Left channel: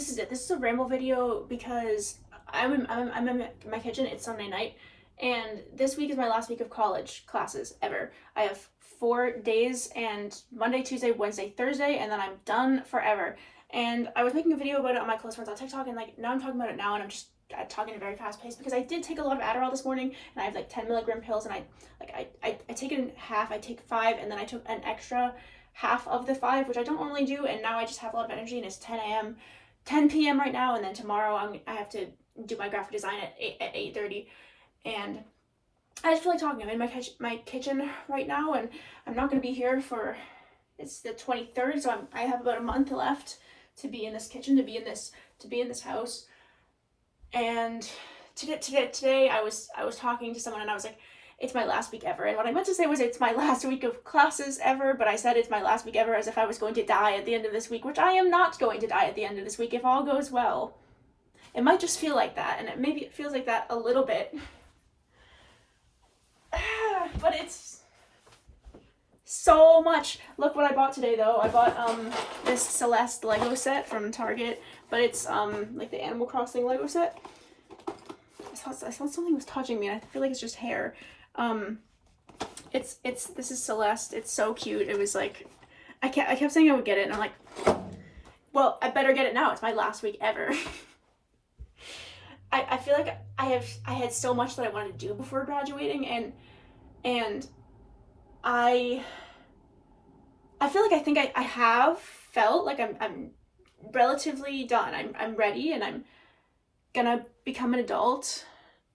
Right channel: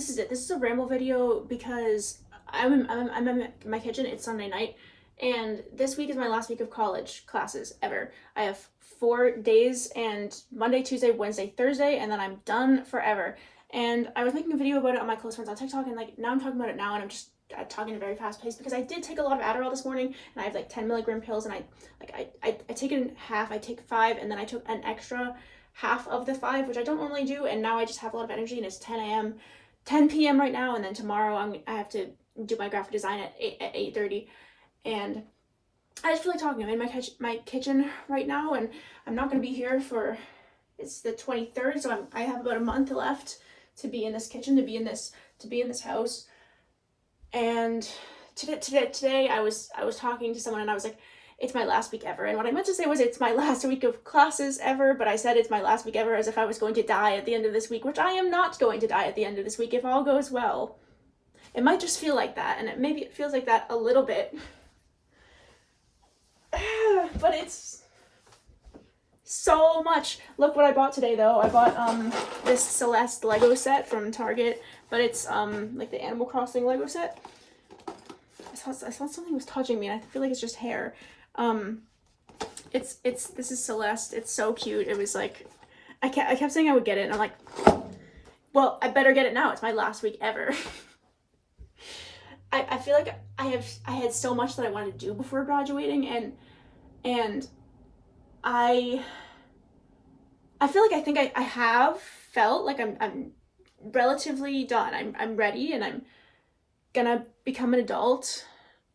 this is it. This is a ramble video because I'm in my kitchen. It's Sunday night, and this week is my last week of college classes ever. I have 4 days, and Monday, Tuesday, Wednesday, Thursday, and then I'm done forever. And I was making a video about it on my close friends on TikTok, and like now I'm talking about it now, and I'm just talking at a very fast pace because I did take a lot of Adderall this morning, and I have like 10 milligram pills, and I take it in half. I take 5, and then I took an extra half of the 5, which I don't normally do, and now I just have a lot of energy, and it's 10 p.m. right now, and then tomorrow I have to do my graphic design at 8:30, and I just feel like talking. I'm in my kitchen right now, and I'm not going to be here for, it's the 23rd, so I have about a month left to be in this kitchen, to be in this house. And today I was talking to someone, and I was like, it's my last week ever. And what I meant to say was it's my last week of classes ever, but I said it's my last week ever as if I was going to die at the end of this week, which I am not going to die at the end of this week if all goes well. It might just feel like that, and maybe it feels like that a little bit. But it's so much. Look what I bought today, though. I bought this Celeste Lego set from Target, but it's like the Animal Crossing Lego set. I thought something was touching me, and I feel like it's just hair. This is Celeste. It's so cute. It was like, I kept saying I would get it, and I'm like, well, I better get it now. It's my last week ever. I feel like I had so much that I wanted to do before graduating, and I feel like I have felt like I'm relatively done. I'm ready, and I'm gonna become an adult.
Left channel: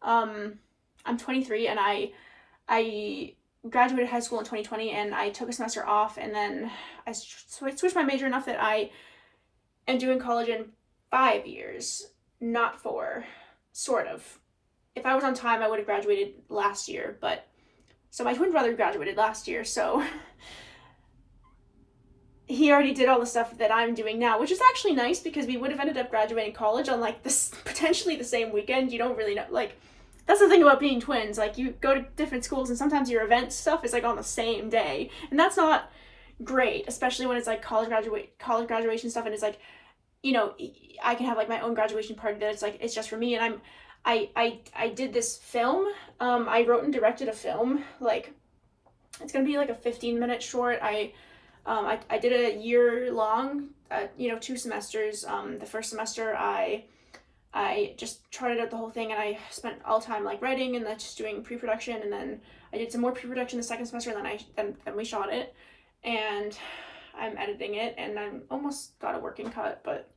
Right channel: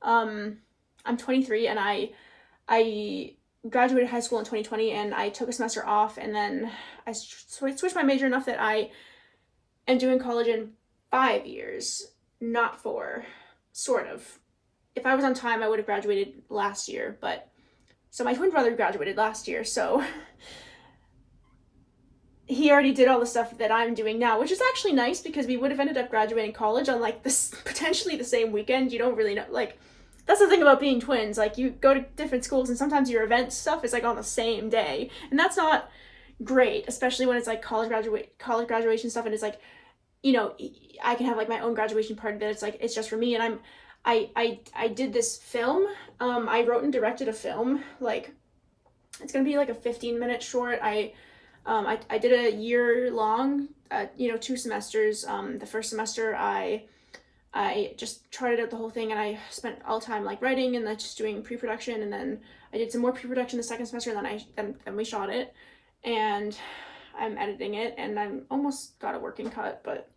I'm 23, and I graduated high school in 2020, and I took a semester off, and then I switched my major enough that I am doing college in 5 years, not 4, sort of. If I was on time, I would have graduated last year, but so my twin brother graduated last year, so he already did all the stuff that I'm doing now, which is actually nice because we would have ended up graduating college on like this potentially the same weekend. You don't really know, like, that's the thing about being twins. Like, you go to different schools, and sometimes your event stuff is like on the same day, and that's not great, especially when it's like college graduation stuff, and it's like, you know, I can have like my own graduation party that it's like it's just for me. And I did this film. I wrote and directed a film. Like, it's gonna be like a 15-minute short. I did a year long, 2 semesters. The first semester I just charted out the whole thing, and I spent all time like writing and then just doing pre-production, and then I did some more pre-production the second semester, and then we shot it, and I'm editing it, and I'm almost got a working cut, but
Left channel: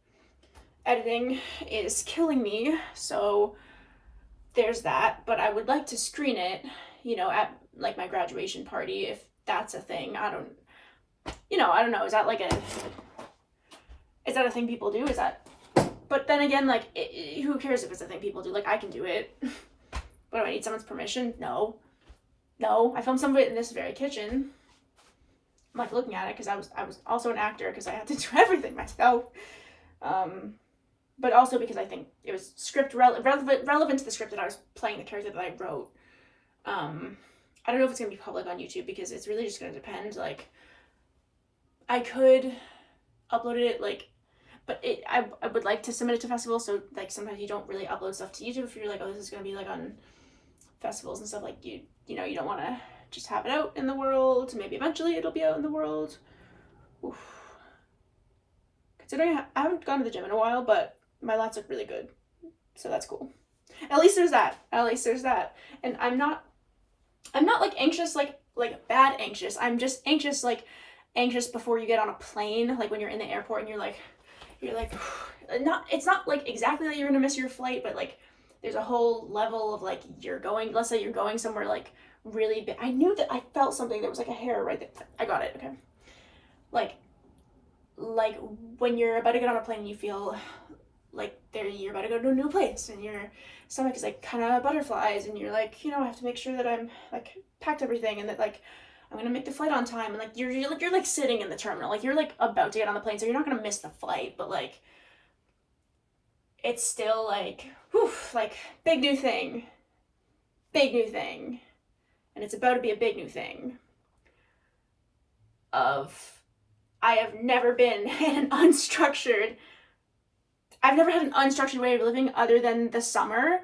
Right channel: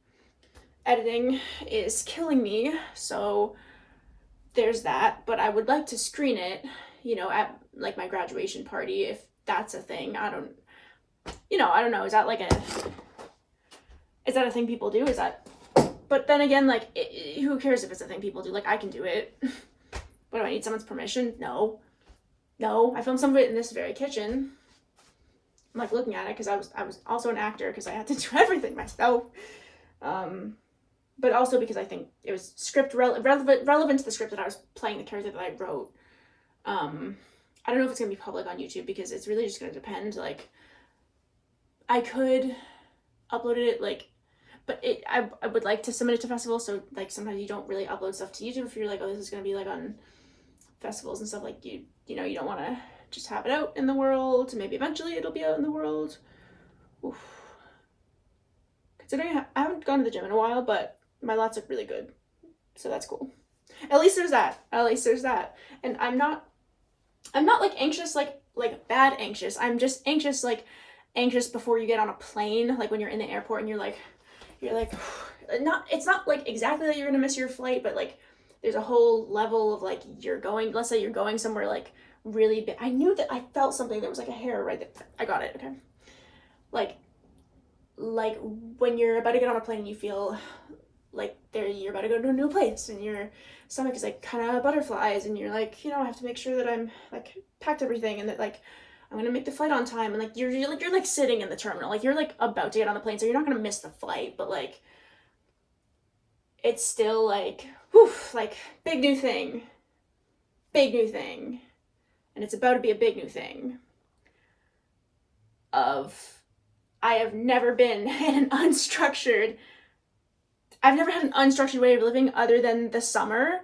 editing is killing me, so there's that. But I would like to screen it, at like my graduation party, if that's a thing. I don't know. Is that a thing people do? But then again, like, who cares if it's a thing people do? Like, I can do it. But do I need someone's permission? No. I filmed some of it in this very kitchen. I'm like looking at it because I was also an actor because I had to do everything myself. But also because I think it was script relevant to the script that I was playing, the character that I wrote. I don't know if it's gonna be public on YouTube because it's really just gonna depend. Like, I could upload it, like, but I would like to submit it to festivals, so like sometimes you don't really upload stuff to YouTube if you're like, oh, this is gonna be like on festivals and stuff. Like, you don't want to just have it out in the world. Maybe eventually it'll be out in the world. Oof. Considering I haven't gone to the gym in a while, but my lats look really good, so that's cool. At least there's that. And I'm not like anxious, like bad anxious. I'm just anxious, like anxious before you get on a plane, like when you're in the airport and you're like it's not like exactly that you're gonna miss your flight, but like there's a whole level of like, let's say you're going somewhere like really big. I knew that I felt something. There was like a hair right there. I got it. Okay. Like when you're about to get on a plane, you feel like you're about to go to a new place, and your stomach is like kind of butterflies, and you're like, I have to make sure that I'm like packed everything, and that like I'm gonna make the flight on time, and like you're like sitting in the terminal, like you're like about to get on the plane, so you're not gonna miss the flight, but like it's still like, whew, like big new thing, and it's about to be a big new thing. I have never been in an unstructured I've never had an unstructured way of living other than the summer.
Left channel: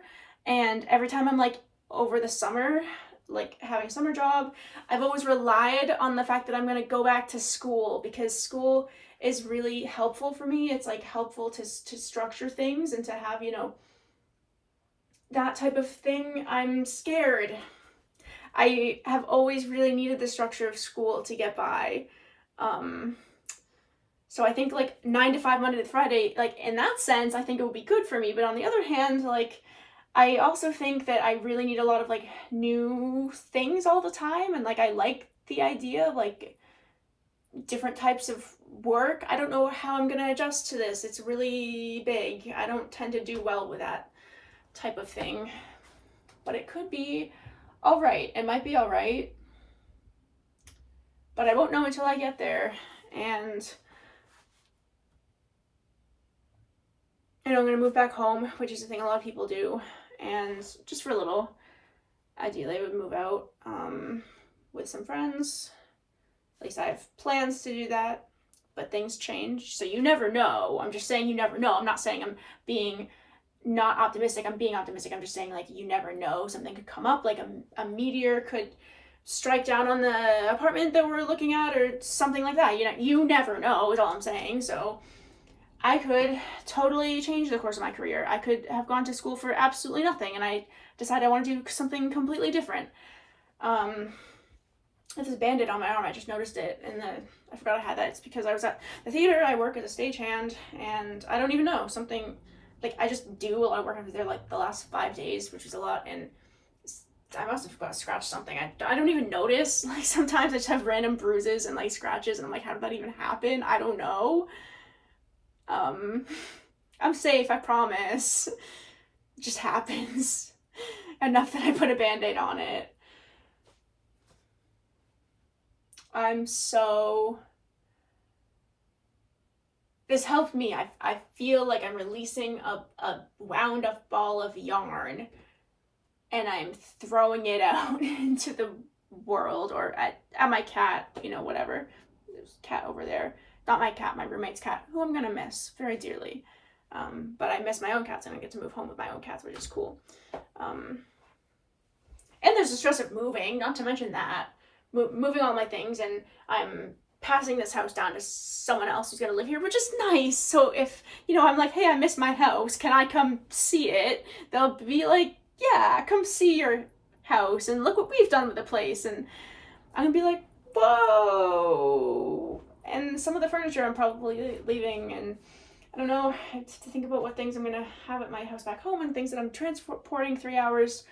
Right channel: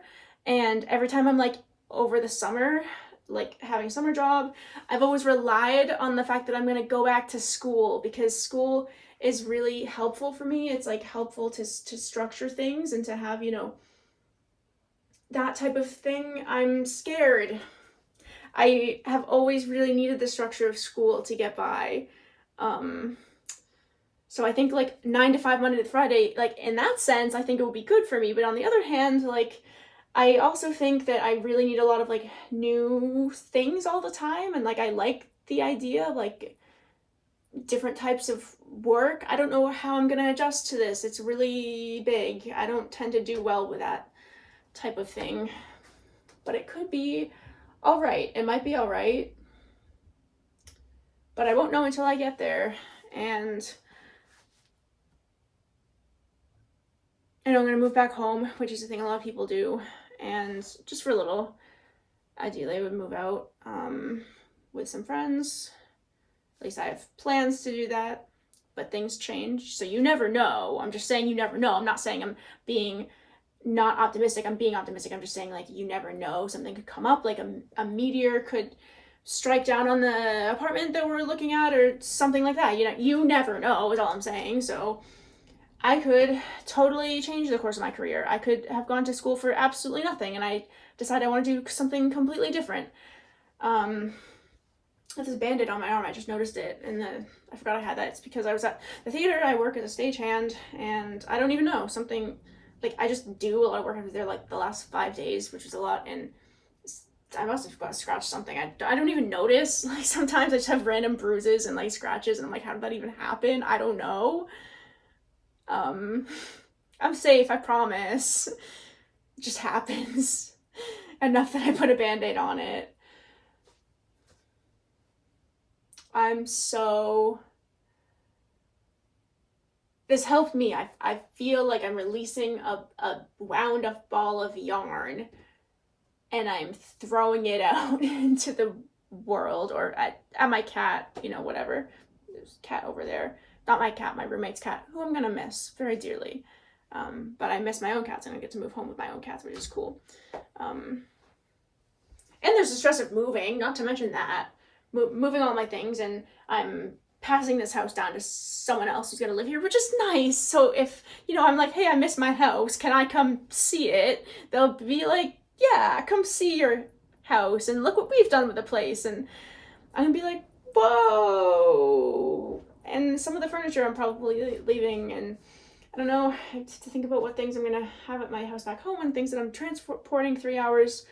And every time I'm like over the summer, like having a summer job, I've always relied on the fact that I'm going to go back to school, because school is really helpful for me. It's like helpful to structure things and to have, you know, that type of thing. I'm scared. I have always really needed the structure of school to get by. So I think like 9 to 5 Monday to Friday, like in that sense, I think it would be good for me. But on the other hand, like I also think that I really need a lot of like new things all the time. And like I like the idea of like different types of work. I don't know how I'm gonna adjust to this. It's really big. I don't tend to do well with that type of thing. But it could be all right. It might be all right. But I won't know until I get there. And I know I'm going to move back home, which is a thing a lot of people do. And just for a little, ideally I would move out with some friends. At least I have plans to do that. But things change. So you never know. I'm just saying you never know. I'm not saying I'm being not optimistic. I'm being optimistic. I'm just saying like you never know. Something could come up. Like a meteor could strike down on the apartment that we're looking at or something like that. You know, you never know is all I'm saying. So I could totally change the course of my career. I could have gone to school for absolutely nothing and I decide I want to do something completely different. I have this Band-Aid on my arm. I just noticed it and I forgot I had that. It's because I was at the theater. I work as a stagehand and I don't even know, something like I just do a lot of work over there like the last 5 days, which is a lot, and I must have got scratched something. I don't even notice. Like sometimes I just have random bruises and like scratches and I'm like, how did that even happen? I don't know. I'm safe, I promise. It just happens. Enough that I put a Band-Aid on it. This helped me. I feel like I'm releasing a wound up ball of yarn and I'm throwing it out into the world or at my cat, you know, whatever. There's a cat over there. Not my cat, my roommate's cat, who I'm gonna miss very dearly. But I miss my own cats and I get to move home with my own cats, which is cool. And there's the stress of moving, not to mention that. Moving all my things, and I'm passing this house down to someone else who's gonna live here, which is nice. So if, you know, I'm like, hey, I miss my house, can I come see it? They'll be like, yeah, come see your house and look what we've done with the place. And I'm gonna be like, whoa. And some of the furniture I'm probably leaving, and I don't know, I have to think about what things I'm gonna have at my house back home and things that I'm transporting 3 hours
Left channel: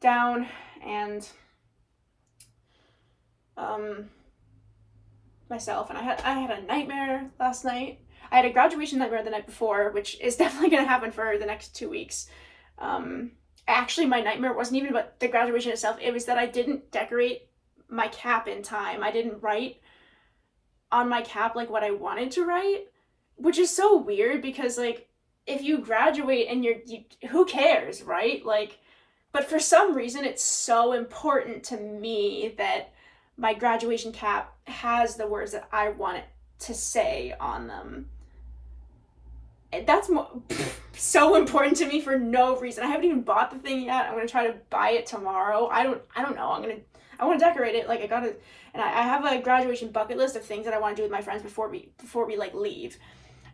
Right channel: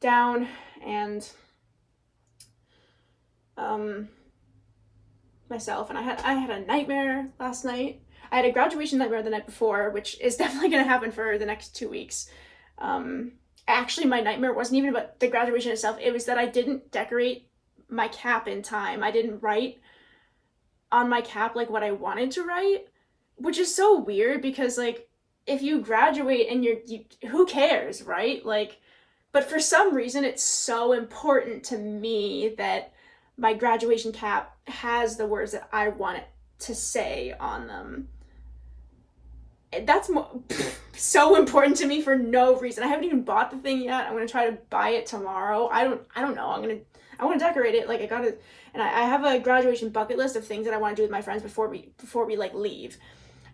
down. And myself, and I had a nightmare last night. I had a graduation nightmare the night before, which is definitely gonna happen for the next 2 weeks. Actually, my nightmare wasn't even about the graduation itself. It was that I didn't decorate my cap in time. I didn't write on my cap like what I wanted to write, which is so weird because like if you graduate and who cares, right? Like, but for some reason it's so important to me that my graduation cap has the words that I want it to say on them. That's so important to me for no reason. I haven't even bought the thing yet. I'm gonna try to buy it tomorrow. I don't know. I want to decorate it. Like and I have a graduation bucket list of things that I want to do with my friends before we like leave.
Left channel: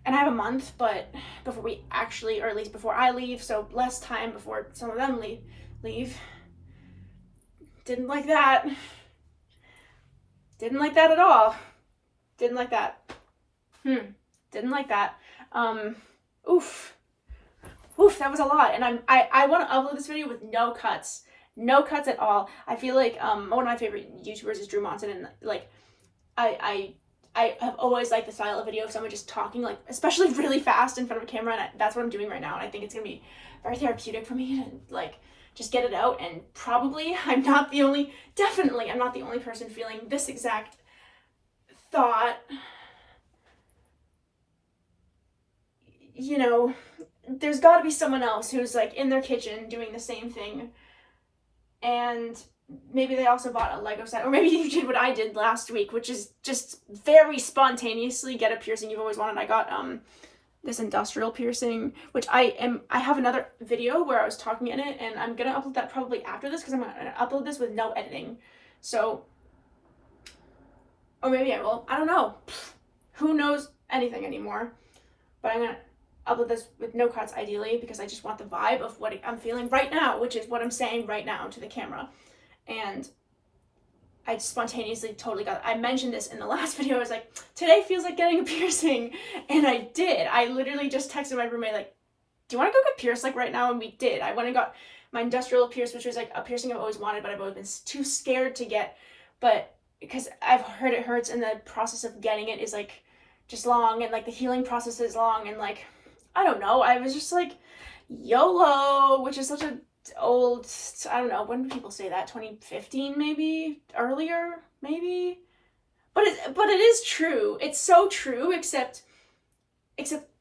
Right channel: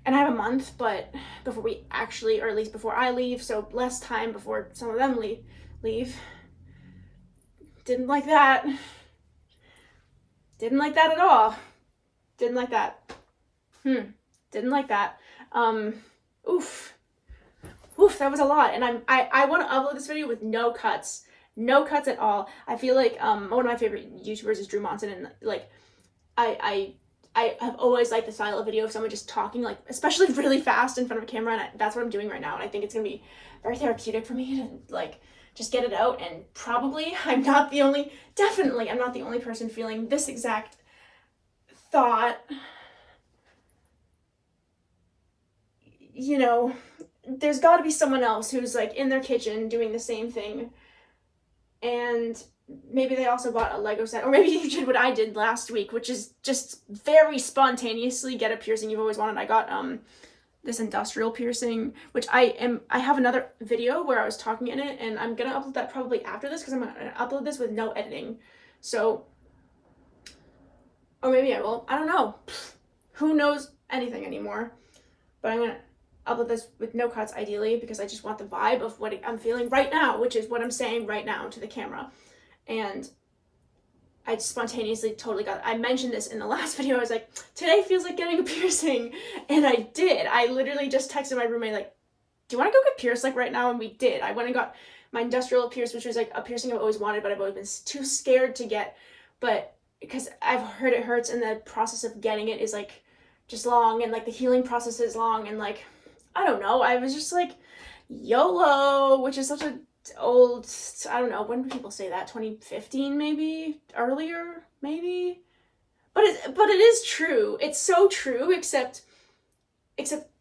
And I have a month, but before we actually, or at least before I leave, so less time before some of them leave. Didn't like that. Didn't like that at all. Didn't like that. Didn't like that. Oof, that was a lot. And I want to upload this video with no cuts at all. I feel like one of my favorite YouTubers is Drew Monson, and like I have always liked the style of video of someone just talking, like especially really fast in front of a camera, and that's what I'm doing right now. And I think it's gonna be very therapeutic for me to like just get it out. And probably I'm not the only person feeling this exact thought. You know, there's got to be someone else who's like in their kitchen doing the same thing, and maybe they also bought a Lego set, or maybe you did what I did last week, which is just very spontaneously get a piercing you've always wanted. I got this industrial piercing, which I have another video where I was talking in it, and I'm gonna upload that probably after this because I'm gonna upload this with no editing. So, or maybe I will. I don't know. Who knows anything anymore? But I'm gonna upload this with no cuts ideally because I just want the vibe of what I'm feeling right now, which is what I'm saying right now to the camera. And I spontaneously totally got it. I mentioned this in the last video. I was like, today feels like getting a piercing. And I did. I literally just texted my roommate like, do you want to go get pierced like right now? And we did. I went and got my industrial pierce, which was like a piercing I've always wanted, but I've always been too scared to get. But because I've heard it hurts and the process of getting it is like just long, and like the healing process is long, and like, I don't know. I was just like, YOLO, which is such a old, I don't know, when do people say that? 2015 maybe? Earlier maybe? But it is true. It's so true, except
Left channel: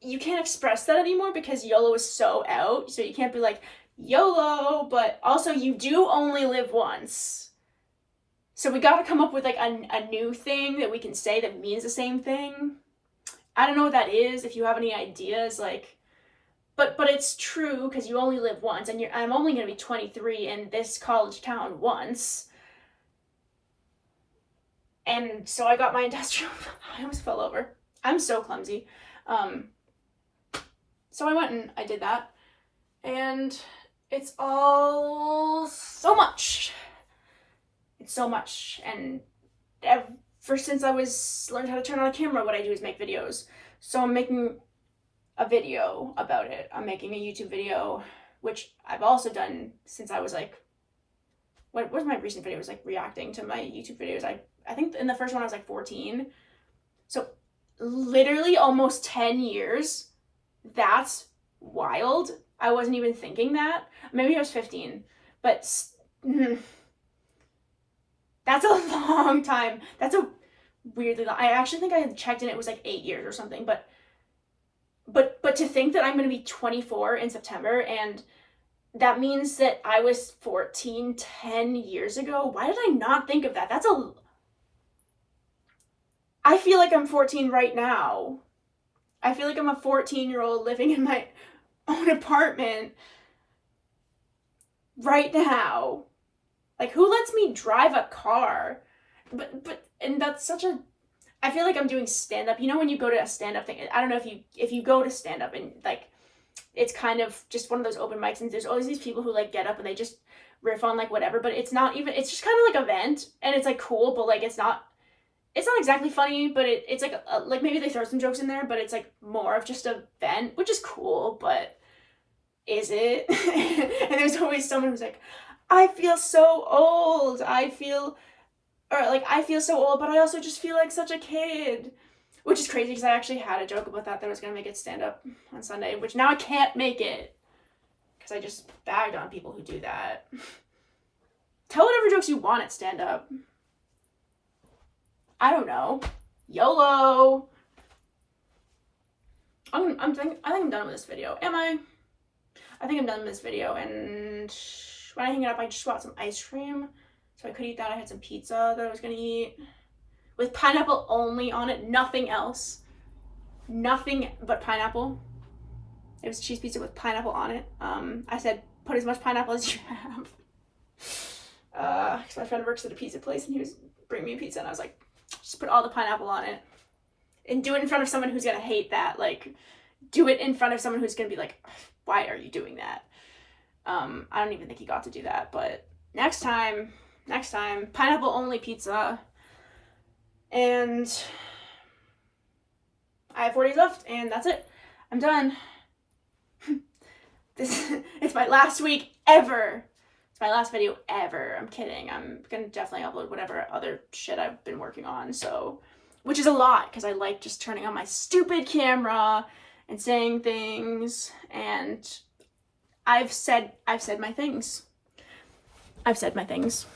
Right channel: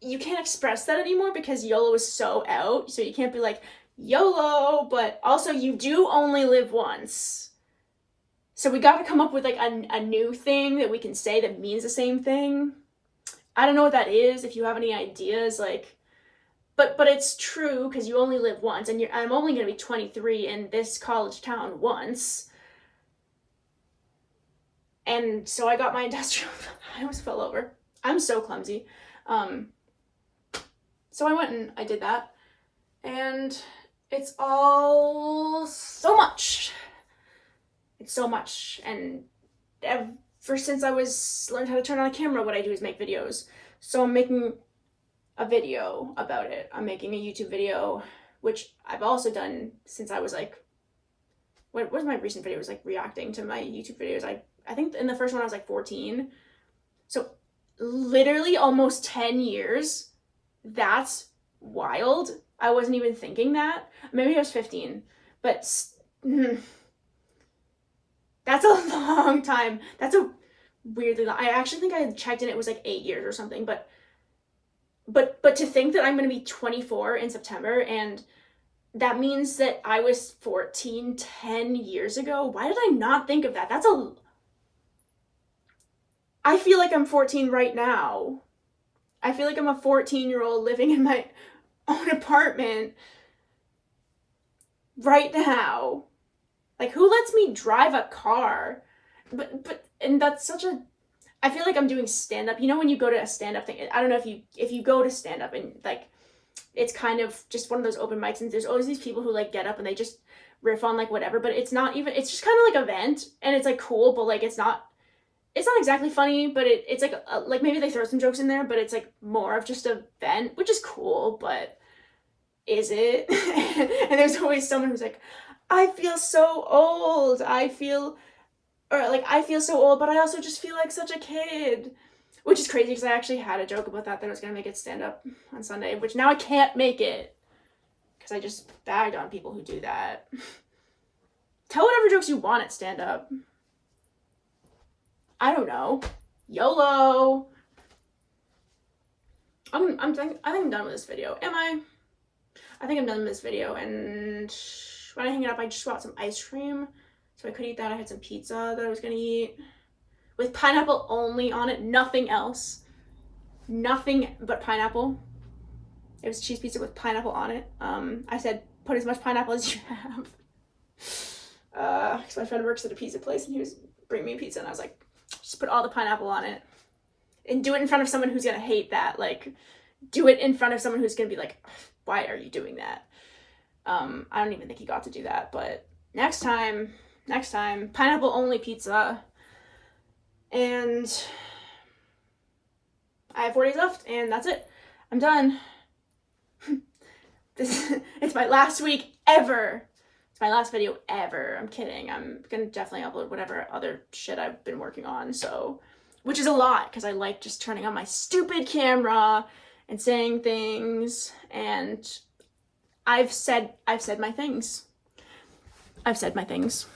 you can't express that anymore because YOLO is so out. So you can't be like YOLO, but also you do only live once. So we got to come up with like a new thing that we can say that means the same thing. I don't know what that is. If you have any ideas, like, but it's true because you only live once, and I'm only going to be 23 in this college town once. And so I got my industrial, I almost fell over. I'm so clumsy. So I went and I did that, and it's all so much. It's so much, and ever since I learned how to turn on a camera, what I do is make videos. So I'm making a video about it. I'm making a YouTube video, which I've also done since I was like, what was my recent video? It was like reacting to my YouTube videos. I think in the first one I was like 14. So literally almost 10 years. That's wild. I wasn't even thinking that. Maybe I was 15, but that's a long time. That's a weirdly long. I actually think I had checked and it was like 8 years or something, but to think that I'm going to be 24 in September, and that means that I was 14 10 years ago. Why did I not think of that? I feel like I'm 14 right now. I feel like I'm a 14-year-old living in my own apartment right now. Like, who lets me drive a car? And that's such a, I feel like I'm doing stand-up. You know when you go to a stand-up thing, I don't know if you go to stand-up and like, it's kind of just one of those open mics, and there's always these people who like get up and they just riff on like whatever, but it's not even, it's just kind of like a vent, and it's like cool, but like it's not exactly funny, but it's like maybe they throw some jokes in there, but it's like more of just a vent, which is cool, but is it? And there's always someone who's like, I feel so old. I feel so old, but I also just feel like such a kid. Which is crazy because I actually had a joke about that I was going to make it stand up on Sunday, which now I can't make it because I just bagged on people who do that. Tell whatever jokes you want at stand up. I don't know. YOLO. I think I'm done with this video. Am I? I think I'm done with this video, and when I hang it up, I just got some ice cream, so I could eat that. I had some pizza that I was gonna eat with pineapple only on it, nothing else, nothing but pineapple. It was cheese pizza with pineapple on it. I said put as much pineapple as you have, because my friend works at a pizza place and he was bringing me a pizza, and I was like, just put all the pineapple on it, and do it in front of someone who's gonna hate that. Like, do it in front of someone who's gonna be like, why are you doing that? I don't even think he got to do that, but next time, pineapple only pizza. And I have 4 days left, and that's it. I'm done. It's my last week ever. It's my last video ever. I'm kidding. I'm gonna definitely upload whatever other shit I've been working on, so, which is a lot, because I like just turning on my stupid camera and saying things, and I've said my things. I've said my things.